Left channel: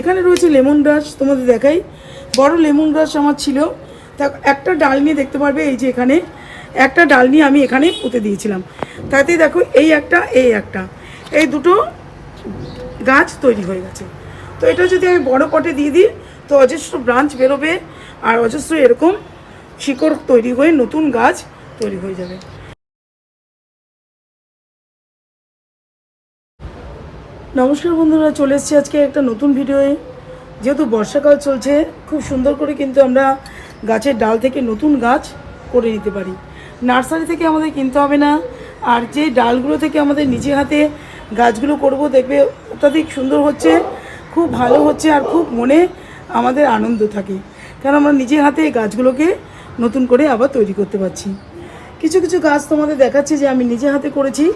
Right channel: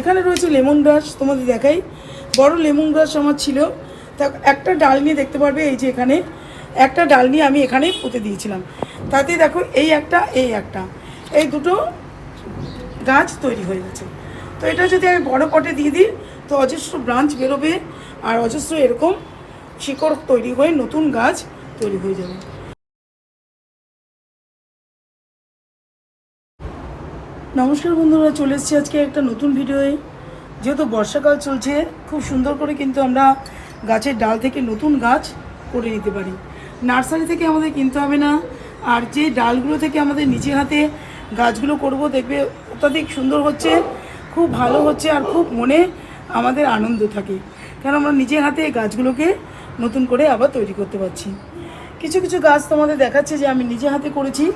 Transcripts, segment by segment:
এখানে রয়েছে লেমন গ্রাস, তোমাদের দেখাই। বড় লেমন গ্রাস আমার ছিল, তা একটা ডাল নিয়ে দেখতে পারবে, এই যে এখানে একটা ডাল নিয়ে আমি এখানে পুঁতে দিয়েছিলাম। তাতে দেখো এই একটা এই দুটো গাছ তৈরি হয়ে গেছে। তো এটা যদি আমি বড় পটে দিয়ে দিই তো অজস্র ব্রাঞ্চ বেরোবে আর অজস্র এরকম শিকড় তৈরি হয়ে নতুন গাছ তৈরি হয়ে যাবে। নমস্কার বন্ধুরা, চলে এসেছি আজকে একটা নতুন ভিডিওয়ে। যেহেতু বর্ষাকাল চলছে, খুব সুন্দর করে কিন্তু আমরা গাছের ডাল থেকে নতুন গাছ করে নিতে পারি। নার্সারি থেকে আমাদের কিনতে হবে না। আর যে ডালগুলো থেকে আমাদের নিজে হাতে গাছগুলো করব, দেখবে অত্যাধিক সুন্দর হচ্ছে, খুব ভালো হচ্ছে, আর খুব মনে আমাদের আনন্দ থাকে, কারণ আমরা নিজের হাতে গাছগুলোকে নতুন করে আবার তৈরি করতে পারছি। কিছু কিছু গাছ তোমাদের দেখাচ্ছি যে আমি নিজে হাতে করেছি।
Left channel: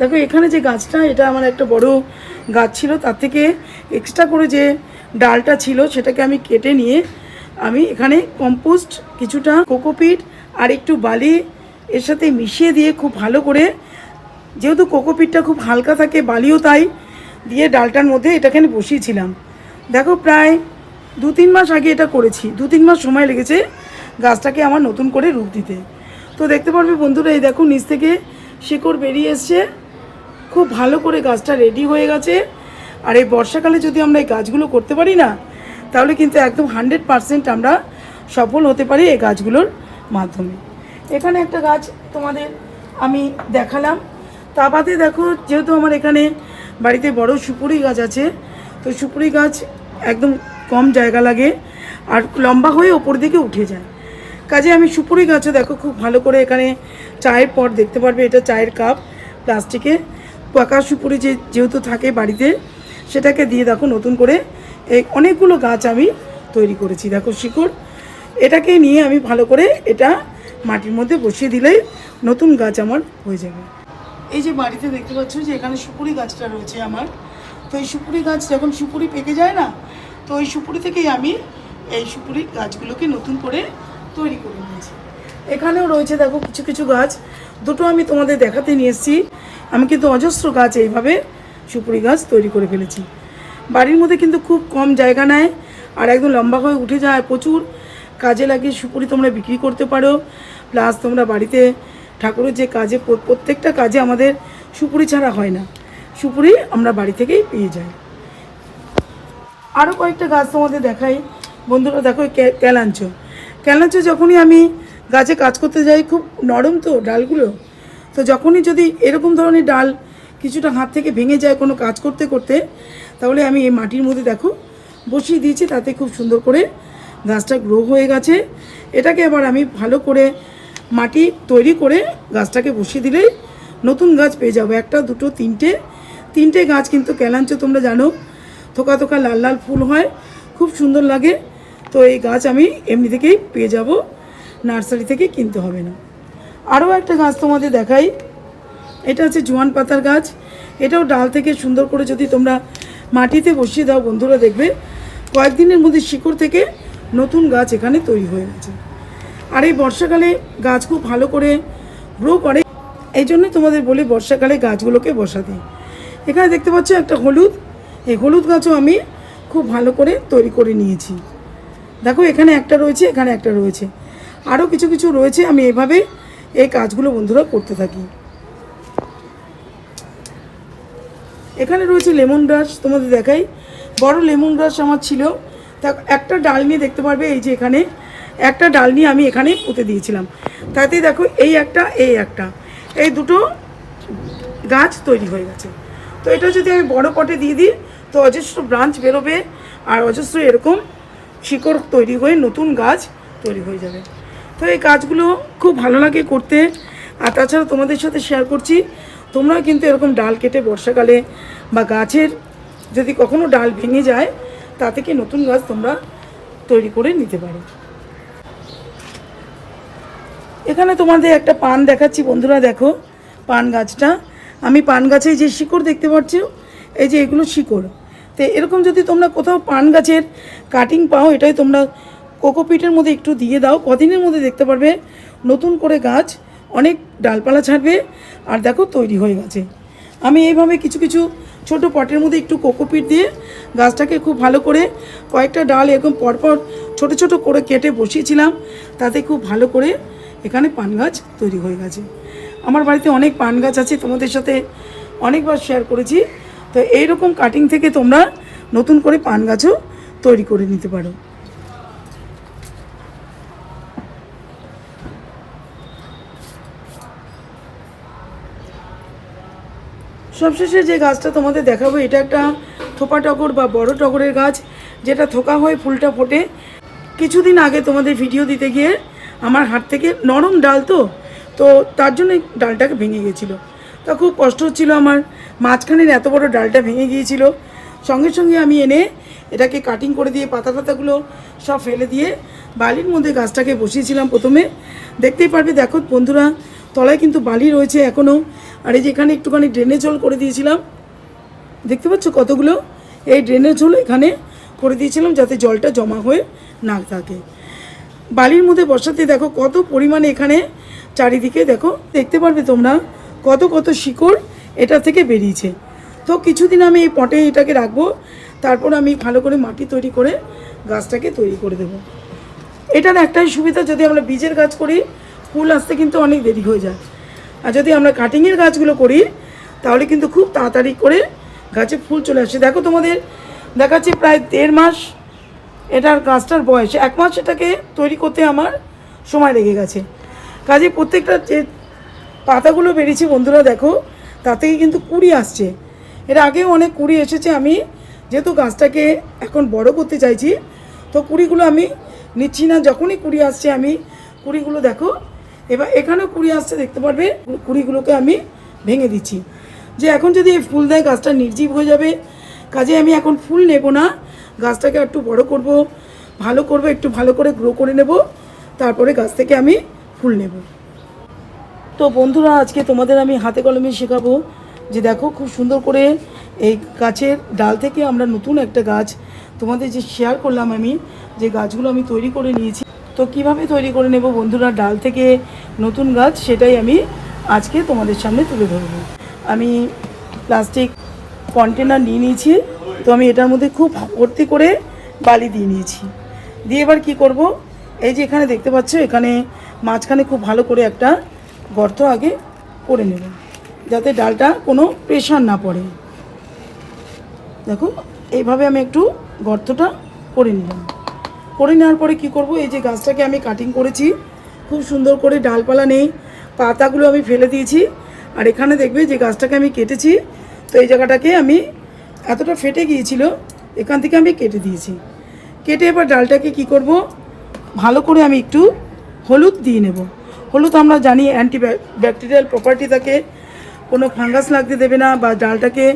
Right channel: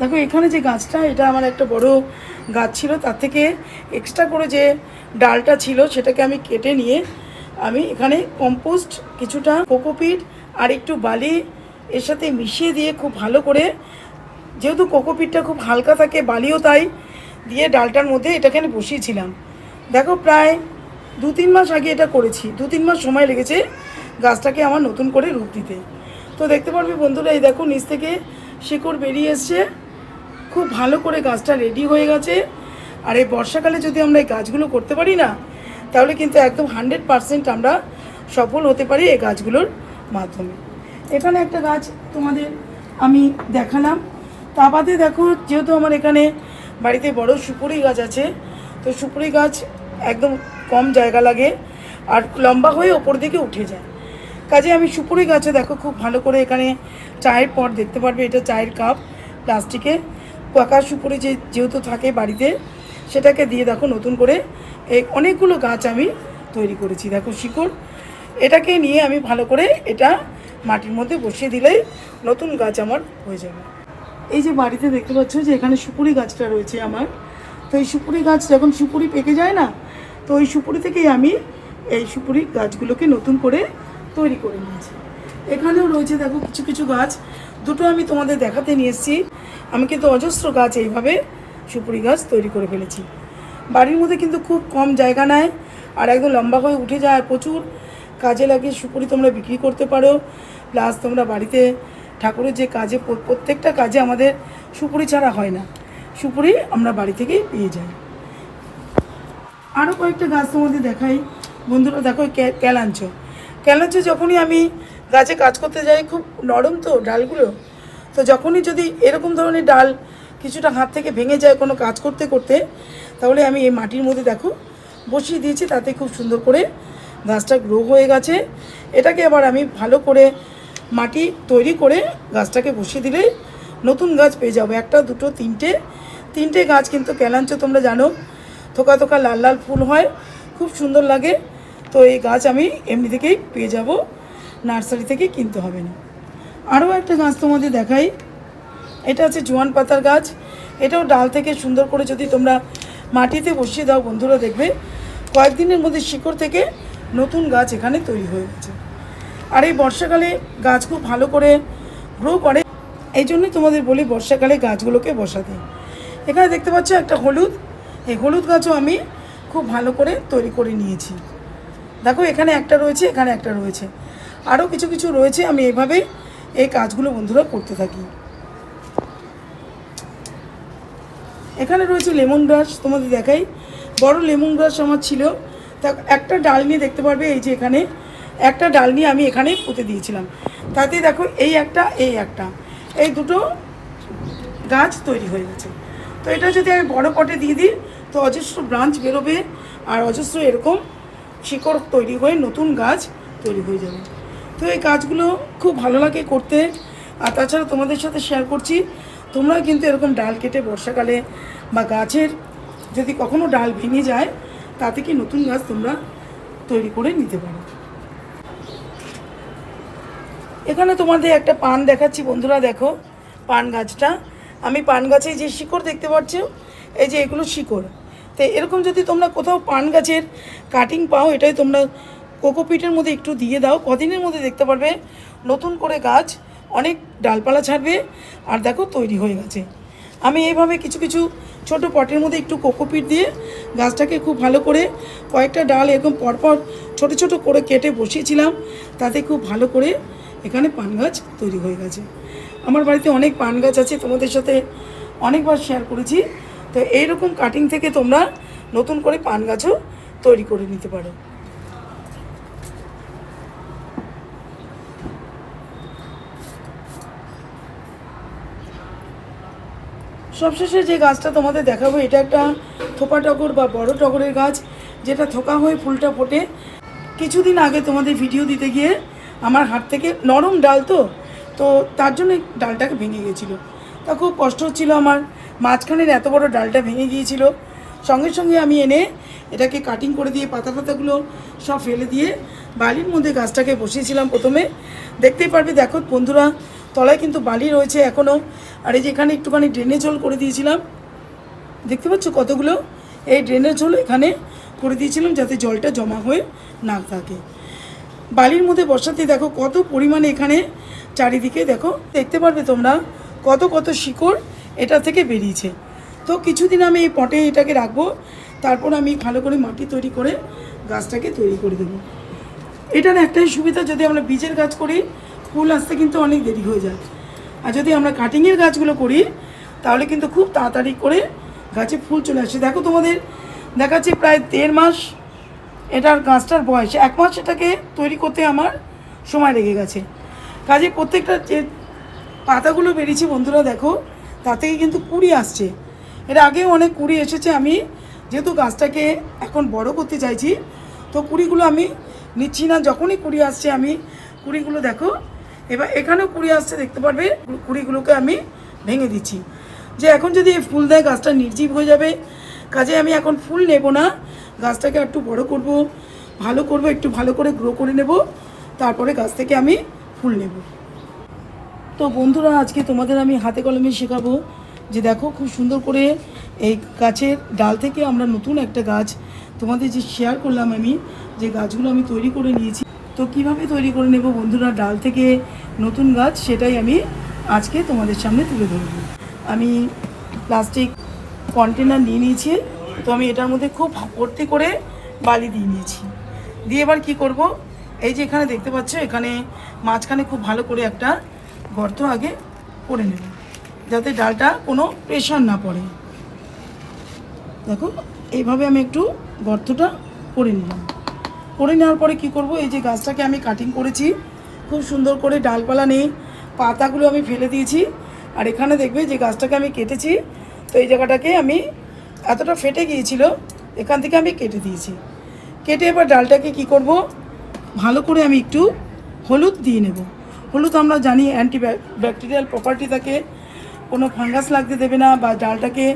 দেখো এখানে যে গাছটা, এটা আমার একটা বড় গাছ ছিল, তার থেকে এক্সট্রা করে যে ডালটা ছিল সেটাকে আমি কেটে নিয়ে আমি এখানে কম্পোস্ট, কিছুটা কোকোপিট আর একটু বালি এর সাথে মিশিয়ে দিয়ে খুব ভালো করে, যেহেতু কোকোপিটটা খুব হালকা থাকে, বালিও তাই, দিয়ে ডালটার মধ্যে এটাকে আমি বসিয়েছিলাম। দেখো প্রায় 2-3 মাস আগে এটা করেছি, 2-3 মাস সময় লেগেছে গাছটাকে আমার নতুন করে রূপ দিতে। তো দেখতে পারবে বন্ধুরা, এই দেখো নিচ থেকে শিকড় বেরিয়ে এসছে, খুব ভালো করে গাছটা রেডি হয়ে গেছে। আর এই বর্ষাকালে যদি আমরা এই গাছগুলো করতে পারি না, তাহলে কিন্তু একদম 100% আমরা সফল হতে পারি এই গাছগুলোর মাধ্যমে। এখানে একটা গাছ তোমাদের আমি দেখালাম। তা বাদে দেখো, যেহেতু আমার এখানে বাড়িতে বড় সুপুরি গাছ আছে, তো সুপুরি গাছ একদম কম জায়গা লাগে আর লম্বা হয়ে ওপর দিকে উঠে যায়। কাজে আমি সুপুরি গাছে দেখো খুব ভালো করে এখানে চায়ের পট দেখতে পারবে, এটা চায়ের কাপ প্লাস্টিকে পাকা সুপুরি যেহেতু থাকে বাড়িতে, সেটাকে দিয়ে দেখো নতুন করে এই অনেকগুলো গাছ আমি তৈরি করেছি। দেখো শিকড়, এটাকে নিয়ে আমি ভালো করে এটা মাটির মধ্যে বসিয়ে দিলেই নতুন গাছ আমার হয়ে যাবে। এই যে বাড়িতে দেখতে পাচ্ছ যে এখানে সুপুরি গাছটা রয়েছে আমার, তো এই সুপুরি গাছ যখন সুপুরি পেকে যায় না, তো ওই সুপুরি থেকেই আমি এই সুপুরি গাছগুলোকে নতুন করে তৈরি করে নিয়েছি। এখানেও রয়েছে দেখো কিছু কিছু গাছ, দুটো আমি তোমাদের দেখাতে নিয়ে এসেছি। আমি কিন্তু অজস্র গাছ এইভাবে সুপুরি গাছ তৈরি করে ফেলেছি। বাড়ির মধ্যে কিন্তু খুব কম জায়গা নেয় আর একদম লম্বা হয়ে উঠে যায়, প্রচুর কাজে লাগে। সুপুরি তোমরা বিক্রি করতে পারো, প্লাস তোমরা বাড়িতে ঠাকুরের যে কাজে, প্রত্যেকটা কাজে আমাদের সুপুরি ছাড়া হয় না, সুপুরি আমরা বাড়ি থেকেই পেয়ে যাই। আরও কয়েকটা গাছ তোমাদের দেখাই বন্ধুরা। দেখো ক্যালাঞ্চ যখনই আমি গাছে কাজ করতে যাই, খুব নরম তো ডালগুলো, তো যখনই যদি এরকম ধরনের ডাল কিছুটা হাত থেকে ভেঙে যায় কোনো কাজ করতে করতে, তাহলে আমি এই মাটির মধ্যে দেখো বসিয়ে দিয়েছি, তাতে খুব সুন্দর করে গাছটা গ্রো হয়ে গেছে। এটাকে এবার আমি ভালো করে মাটি তৈরি করে গাছটাকে বসিয়ে দিলেই নতুন গাছ পেয়ে যাবো। একটা, দুটো, তিনটে গাছ কিন্তু ক্যালাঞ্চ তোমরা জানো, থোকা থোকা লাল লাল ফুল হয়, খুব সুন্দর লাগে। তো এই গাছ আমি এমনি থেকেই পেয়ে যাব, নার্সারি থেকে কিনতে হবে না। আরও একটা গাছ তোমাদের দেখাই, এটা হচ্ছে জোয়ান পাতার গাছ। এটাও ডাল থেকে সুন্দর করে যদি তোমরা মাটিতে বসিয়ে দাও বন্ধুরা, দেখবে কয়েকদিনের মধ্যে শিকড় থেকে নতুন গাছ এখানে তৈরি হয়ে গেছে। আর এই বর্ষাকালে গাছ খুব ভালো করে গ্রো করে, এই জন্যই তোমাদের বলি বর্ষাকালে গাছগুলোকে বসাতে। এখানে দেখতে পাচ্ছ একটা হলুদ, এই হলুদ গাছও আমি খুব ভালো করে তৈরি করে নিয়েছি। দেখো এখানে একটা রয়েছে, এখানে একটা রয়েছে, আরও কিছু কিছু রয়েছে। আমি এভাবে এই কাজগুলো বন্ধুরা করতে থাকি। এখানে রয়েছে লেমন গ্রাস, তোমাদের দেখাই। বড় লেমন গ্রাস আমার ছিল, তা একটা ডাল নিয়ে দেখতে পারবে, এই যে এখানে একটা ডাল নিয়ে আমি এখানে পুঁতে দিয়েছিলাম। তাতে দেখো এই একটা এই দুটো গাছ তৈরি হয়ে গেছে। তো এটা যদি আমি বড় পটে দিয়ে দিই তো অজস্র ব্রাঞ্চ বেরোবে আর অজস্র এরকম শিকড় তৈরি হয়ে নতুন গাছ তৈরি হয়ে যাবে। তো এই কাজগুলো খুব ভালো লাগে করতে। আর তাছাড়া তোমাদের সাথে শেয়ার করছি, তোমরাও কিন্তু এরকম ডাল কেটে বর্ষাকালে বা গাছের যদি কখনো ডাল ভেঙে যায়, তা থেকে নতুন গাছ তোমরা তৈরি করে নিতে পারো। এখানে তোমাদের একটা পান দেখাচ্ছি বন্ধুরা। দেখো পান গাছটা, আমি পান গাছে যে শিকড় দেখতে পাচ্ছ, এই যে এগুলো শিকড়। তো এরকম যদি তোমরা কোথাও পান গাছের কাটিং পাও, এটাই তোমরা কোকোপিটের মধ্যে একটু দিয়ে দাও, কদিনের মধ্যে দেখতে পারবে নতুন করে গাছ অনেক ডালপালা ছাড়বে। আর দেখো তৈরি হয়ে গেছে। আমি এইভাবে কিছু কিছু ছোট পটের মধ্যে একটু কোকোপিট দিয়ে গাছটাকে খুব ভালো করে কয়েকটা ডাল এরকম পরপর ছোট ছোট করে কেটে বসিয়েছিলাম, তাতে খুব ভালো করে এখানে পান গাছ তৈরি হয়ে গেছে। আমার বাড়িতে অনেক পান গাছ আছে, তোমাদের সাথে অনেকবার শেয়ার করেছি। তো এইরকম কাটিং থেকে তোমরা নতুন করে পান গাছও তৈরি করে নিতে পারো। সবশেষে যে গাছটা তোমাদের দেখাবো, এটা একটা থোপা টগর বা বড় টগরের গাছ, যেটা থোকা হয়ে ফুলটা ফোটে। কিছুদিন আগে তোমাদের ভিডিও দিতে গিয়ে আমার হাত থেকে নরম ডাল তো তার জন্য ডালটাকে ভেঙে গিয়েছিলো। তা খুব কষ্ট হচ্ছিলো আমার, মাঝখানের এত বড় ডালটা ভেঙে গিয়েছিল। সঙ্গে সঙ্গে আমি এনে এটাকে কাটিং করে দিয়ে পাতা ফাতাগুলো সব ফেলে দিয়ে বালির মধ্যে গাছটাকে বসিয়েছিলাম প্রথমে। দেখতেই পারবে, দেখো বন্ধুরা, তলায় কিন্তু বালি রয়েছে এখনও। আর এই যে এখানে একটুখানি ড্রেনেজ হোল করে দিয়েছিলাম, দেখতে পাচ্ছ কতগুলো, এই ড্রেনেজ হোল এখানে করে দিয়েছিলাম যাতে জলটা জমা হয়ে না থাকে। বালির মধ্যে বসাতে দেখো কত পরিমাণে এখানে চারিদিকে দেখো, দেখতে পারবে তোমরা কত কত শিকড় এটা থেকে বেরিয়েছে। তো কিছুদিন আমি এই পটে এটাকে রাখবো, তারপর আমি ভালো করে মাটি তৈরি করে গাছটাকে তৈরি করে দেবো। এটার একটাই সুবিধা, যদি আমরা বীজের গাছ করি ফুল আসতে কিন্তু অনেক দেরি হয়ে যায়, আর যদি আমরা কাটিংয়ের গাছগুলো করি তাহলে কিন্তু খুব তাড়াতাড়ি করে গাছে ফুল চলে আসে। দেখো তোমাদের দেখাচ্ছি প্রায় 1.5 মাস এটার গাছটার বয়স, 1 মাস এটাকে তৈরি করতে আমার সময় লেগে গেছে। কাজে প্রত্যেকটা যে পাতাগুলো বেরিয়েছে বন্ধুরা দেখো, তাতেই কিন্তু কুড়ি আসছে। এর আগেও অনেক কুড়ি এসেছে। আমি যেহেতু গাছটাকে এখন বড় করতে চাইছি, তো কুড়িগুলো আমি নিচ্ছি না। যখনই কুড়ি আসছে আমি কুড়িগুলো দেখো, এবার এখানেও কুড়ি আসছে দেখতে পারবে, কুড়িগুলোকে আমি ভেঙে দিচ্ছি। যে এখন যদি ফুল দেয় গাছটা নির্জীব হয়ে যাবে। কাজে আমি এখন ফুল নেব না, গাছটাকে একটু বড় করব, ভালো করব, একটু ভালো করে গ্রো করে নেব, তারপরে গাছ থেকে আমি ফুল নেব। তো বন্ধুরা, আজকে তোমাদের আমি হাতে কলমে শেখাবো যে দেখো খুব সুন্দর করে এই গাছের ডাল থেকে আমরা নতুন একটা গাছ তোমাদের যে শেয়ার করলাম, আমি যে গাছগুলো আমি তৈরি করে নিয়েছি, তো কিভাবে তৈরি করে নেব বন্ধুরা ডাল থেকে নতুন গাছ, সেটাই আমি আজকে তোমাদের সামনে তুলে ধরবো। আমি প্লাস্টিক কন্টেনার নিয়ে নিয়েছি, তো আমি এটার মধ্যে খুব ভর্তি করে বালি দিয়ে নিয়েছি। দিয়ে এবার কী করব, এই যে এখানে দেখতে পাচ্ছ, এখানে মাঝখানে খুব ভালো করে একটা গর্ত আগে করে নেব, যাতে ডালটা কোনো প্রেশার না পড়ে। দেখো এইভাবে আমি একটু গর্তটা করে নিলাম। করে নেওয়ার পরে কি করব, এই যে গাছটাকে আমি কাটিং করেছি, খুব সুন্দর করে ডালপালা নেই, পাতাগুলো আমি ফেলে দিয়েছি। আর এখানে দেখবে যে গাছটাকে আমি কেটেছি, তো এই জায়গাটাকে আমি এতটা ফেটে গিয়েছিল, এখান থেকে আমি কেটে দিয়েছি। কেটে এবার ডালটাকে কি করব, ভালো করে আমি একটু হলুদ দিয়ে নেব। হলুদ আমরা জানি অ্যান্টি ব্যাকটেরিয়াল প্রপার্টি থাকে, কোনো ফাঙ্গাস লাগতে দেবে না বা ডালটাকে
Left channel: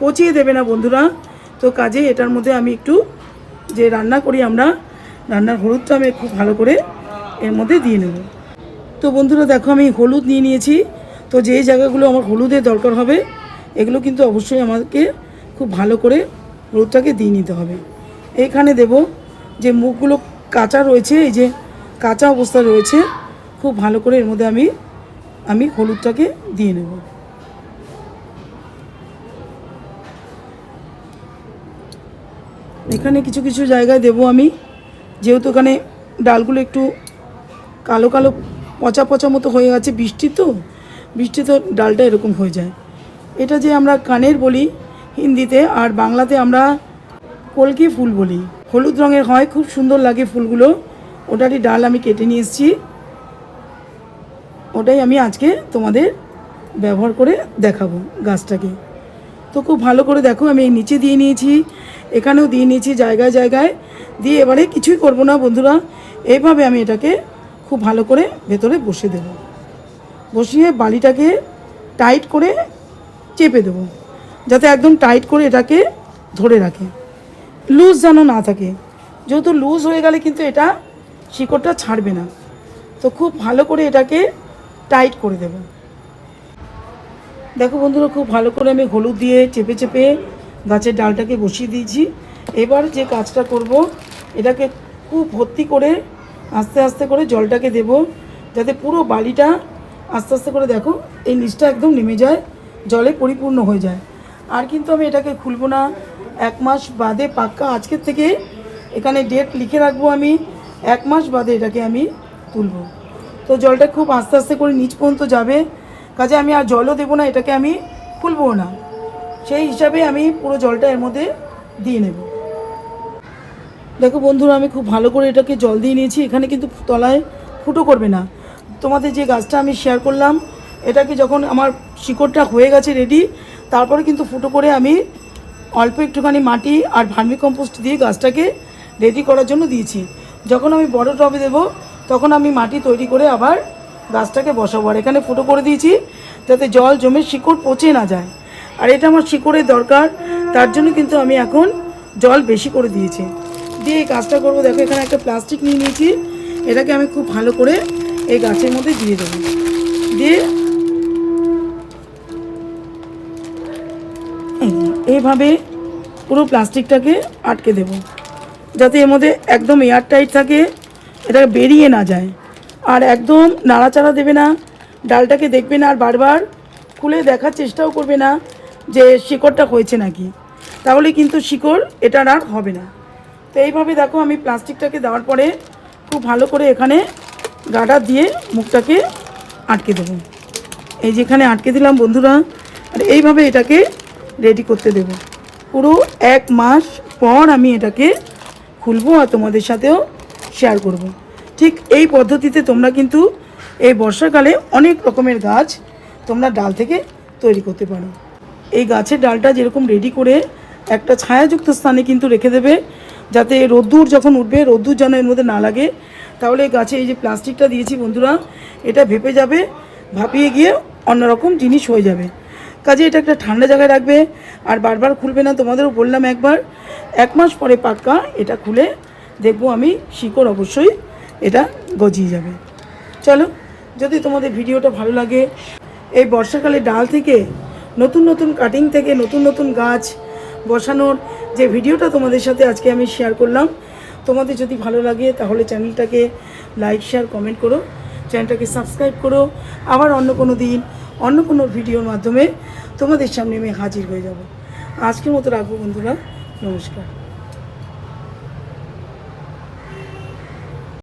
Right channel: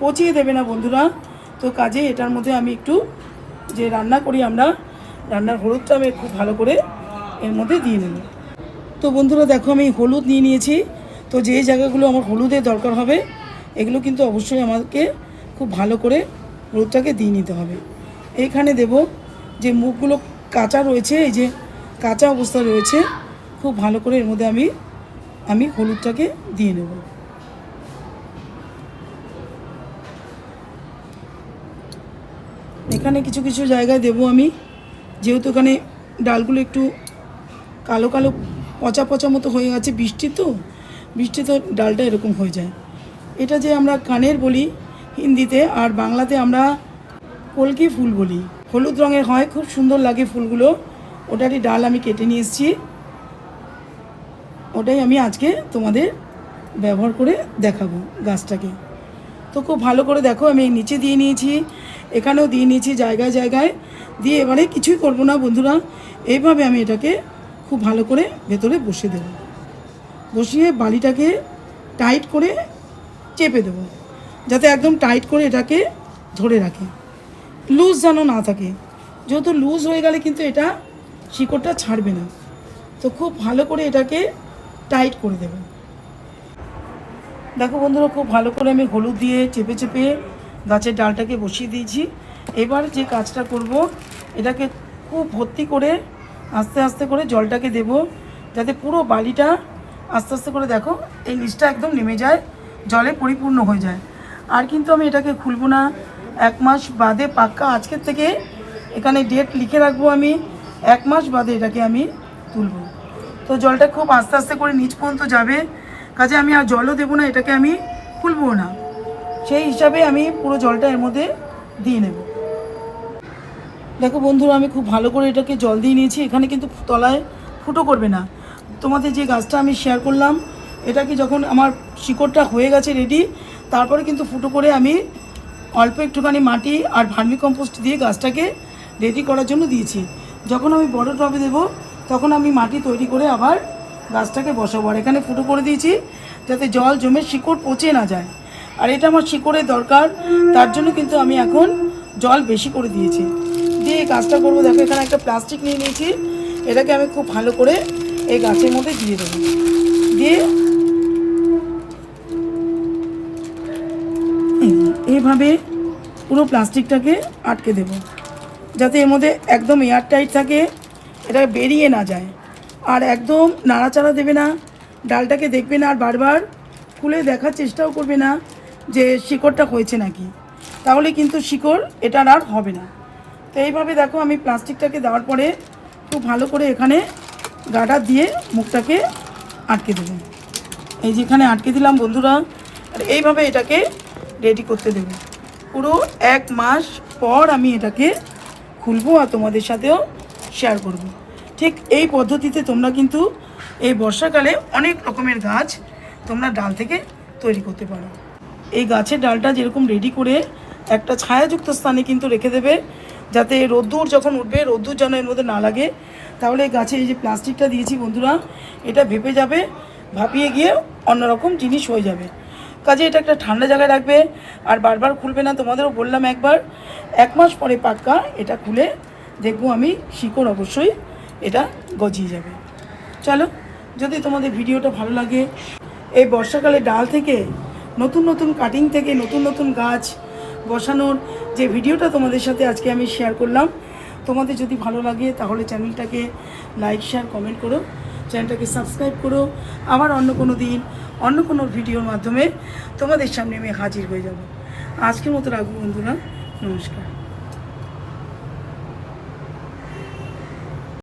পচিয়ে দেবে না বন্ধুরা। তো কাজে এটার মধ্যে আমি একটু যে রান্না করি আমরা, রান্নার হলুদটা আমি খুব ভালো করে এর মধ্যে দিয়ে নেব। তো বন্ধুরা দেখো আমি হলুদ নিয়ে নিয়েছি। তো যে জায়গাগুলো আমার হলুদের দরকার হবে, এগুলো কিন্তু অবশ্যই আমাকে খুব ভালো করে হলুদটাকে দিয়ে নিতে হবে। এইখানে দেব যে মুখগুলো কাঁচা রয়েছে, এই যে কাঁচা অবস্থা রয়েছে, খুব ভালো করে এর মধ্যে আমি হলুদটাকে দিয়ে নেব। এখানে কিছু কিছু জায়গায় দেব আমি, যেহেতু এখানে ডালগুলো একটু কালো কালো পচা পচা মতো হয়ে গেছে, বৃষ্টিতে ডালটা এরকম হয়ে যায়। এটা যে আমরা কানের বলি হিন্দিতে, আর বাংলাতে আমরা কলকি ফুল বলি। হলুদ রঙের হয়, খুব সুন্দর লাগে ফুলগুলো। ওটারই ডাল আমি কেটে নিয়ে এসেছি, ওটাই আমি আজকে তোমাদের ব্যবহার করে দেখাবো গাছটাকে। তো খুব ভালো করে দেখো আমি নিচে দিয়ে নিয়েছি, এখানেও দিয়ে নিয়েছি, জায়গায় জায়গায় দিয়ে এবারে কিছুই করব না বন্ধুরা, এইভাবে আমি এটাকে খুব ভালো করে ভেতরে বসিয়ে দেব। বসিয়ে বালিটাকে টাইট করে চেপে দেবো, যাতে একদম টাইট করে এটাকে ধরে রাখে, লুজ যেন না থাকে। যেহেতু লুজ হয়ে গেলে কিন্তু এটা শিকড়টা ছাড়বে না। তো খুব ভালো করে এটাকে টাইট করে দেব। দেখো বন্ধুরা, খুব ভালো করে আমি হলুদ দিয়ে চেপে চেপে গাছের ডালটাকে বসিয়ে দিয়েছি। এবার যে কাজটা করব, এটাকে খুব ভর্তি করে আস্তে আস্তে করে জলটাকে দেব, যাতে পুরো বালিটা আস্তে আস্তে করে দেখো এই নিচটা একদম নেমে যায়, জলে পরিপূর্ণ হয়ে যায়। আর কিন্তু আমি এটাকে খুলবো না, 1 মাস বাদে পাক্কা আজকের থেকে এখানে ডেট লিখে রাখবো, আমি 1 মাস বাদে এটাকে আমি তুলবো। তো জলটা খুব আস্তে আস্তে করে নিচ পর্যন্ত যাবে, কাজে আমি আর জলও দেবো না, এটাকে আমি খুলবো না, সেই হিসাবে আমি পুরো জলটা এর মধ্যে দিয়ে নেব। দেখো বন্ধুরা, আমি খুব ভালো করে এটাকে জল দিয়ে নিয়েছি। এখানে কিন্তু তলায় ফুটো করবে না। তোমাদের যে গাছটা আমি শেয়ার করলাম, এটাকে যখন আমার শিকড়টা হয়ে গেছে রেডি, তারপরে কিন্তু ফুটো করে আমি অল্প একটুখানি মাটি আর ভার্মি কম্পোস্ট দিয়ে গাছটাকে রেডি করার জন্য দিয়েছি। যখন আমি বড় টবে দেবো তখন আমি মাটি তৈরি করে আবার গাছটাকে বসাবো। আর এখানে ফুটো করে দিয়েছি যাতে জল জমে শিকড় পচে না যায়। আর এটা আমার শিকড়ের দরকার, তার জন্য কিন্তু আমি এখন জল বেশি করে দিয়েছি, দিয়ে এই কাজটা করবো। দেখো এখানে একটা প্লাস্টিক নিয়ে নিয়েছি, এটাকে আমি খুব ভালো করে এই গাছের মধ্যে দিয়ে দেবো, দিয়ে এইভাবে পুরো প্লাস্টিকটাকে আটকে দেব, যাতে এর মধ্যে একদম এয়ার টাইট থাকে, এটা বেরিয়ে না যায়। আর একদম নাড়াচাড়া দেবে না, ডালটাকে দেখবে না, আর বারবার খুলে দেখার চেষ্টাও করবে না যে শিকড়টা হয়েছে নাকি, তাহলে কিন্তু শিকড় এটার আর হবে না। তো এইভাবে দেখো আমি প্লাস্টিকটাকে দেওয়ার পরে খুব ভালো করে এখানে গার্ডার দিয়ে মুখটাকে আটকে দেবো। এই যেখানে আটকে দিলাম বন্ধুরা, এইভাবে এটাকে রেডি করতে দেব। পুরো 1 মাস পর আমি এটাকে খুলবো আর তোমাদের সাথেও শেয়ার করব। ঠিক এই পদ্ধতিতে তোমরা কিন্তু এই বর্ষাকালে অনেক রকমের গাছ তোমরা ডাল থেকে তৈরি করতে পারো। এই গাছের ডালটা যেরকম রেডি করে একটা ছায়াযুক্ত স্থানে কিন্তু রেখে দেবে, যাতে রোদ্দুর যখন উঠবে রোদ্দুর যেন এর মধ্যে না লাগে। তাহলে গাছে এই যে প্লাস্টিকটা দিয়েছি বন্ধুরা, এটা ভেপে যাবে, ভাপিয়ে গিয়ে অন্যরকম জিনিস হয়ে যাবে। কাজে এটা একটা ঠান্ডা জায়গায় রাখবে আর বারবার খুলবে না। তোমাদেরও বললাম একবার, 1 মাস পরে পাক্কা এটা খুলে দেখবো আমি শিকড় অবশ্যই এটা গজিয়ে যাবে। চলো, যদি তোমাদের ভিডিওটা ভালো লাগে, এই বর্ষাকালে ডাল থেকে নতুন নতুন কাটিং থেকে নতুন নতুন গাছ বসানোর যে ভিডিওটা তোমাদের সাথে আজকে আমি শেয়ার করলাম, তোমাদের যদি ভালো লাগে তাহলে চ্যানেলটাকে লাইক শেয়ার কমেন্ট করো, চ্যানেলটাকে সাবস্ক্রাইব করো। আবার অন্য কোনো দিন অন্য কোনো ভিডিওর মাধ্যমে তোমাদের সামনে আমি হাজির হয়ে যাব। আজকের মতো রাখবো বন্ধুরা, নমস্কার।